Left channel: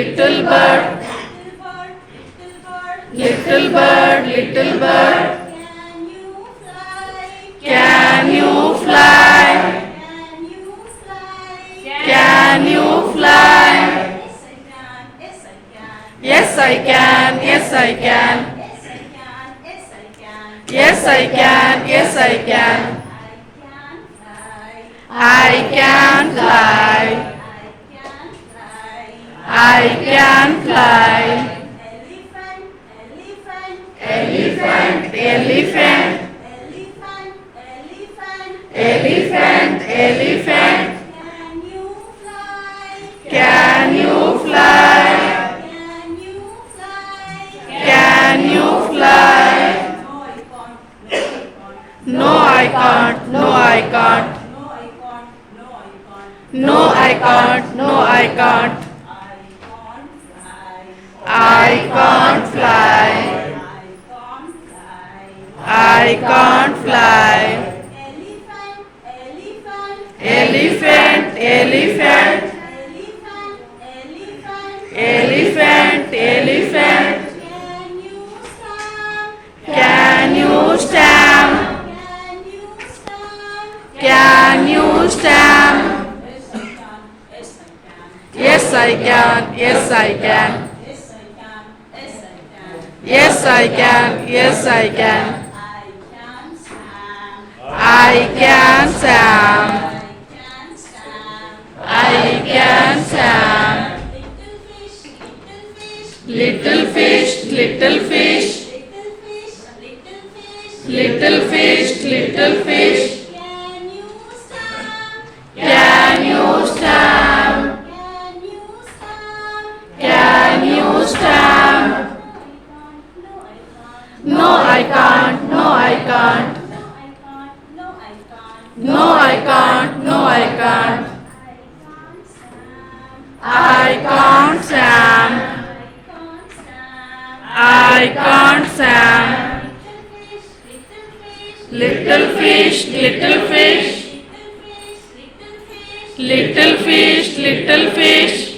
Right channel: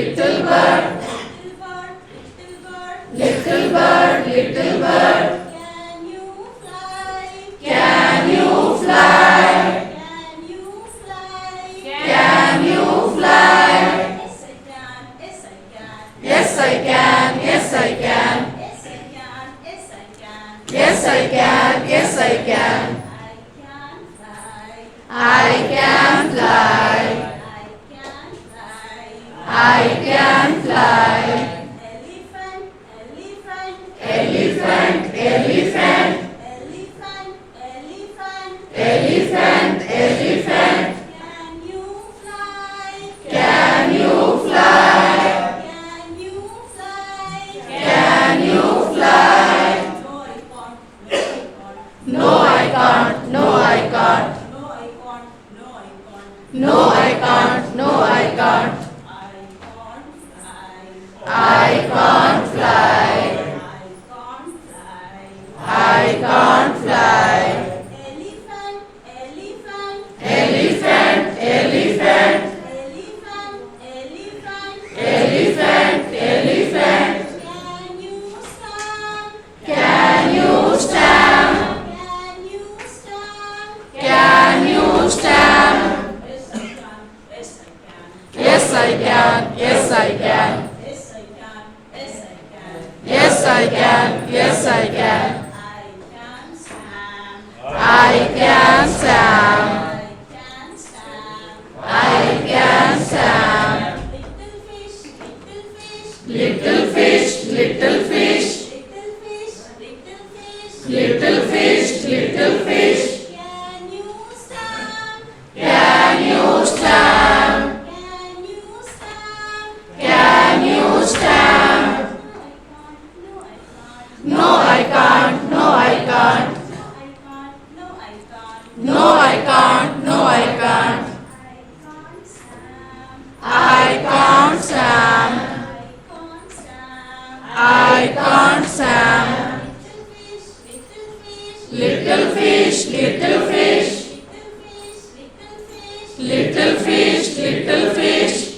little bird, little bird, little bird. Can you fly? Can you fly? Yes, I can. Yes, I can. Yes, I can. Yes, I can. I can fly. I can fly. Elephant, elephant, elephant, elephant. Can you fly? Can you fly? No, I can't. No, I can't. No, I can't. No, I can't. I can't fly. I can't fly. Elephant, elephant, elephant, elephant. Can you stand? Can you stand? Yes, I can. Yes, I can. Yes, I can. Yes, I can. I can stand. I can stand. Little fish, little fish, little fish, little fish. Can you stand? Can you stand? No, I can't. No, I can't. No, I can't. No, I can't. I can't stand. I can't stand. Little fish, little fish, little fish, little fish.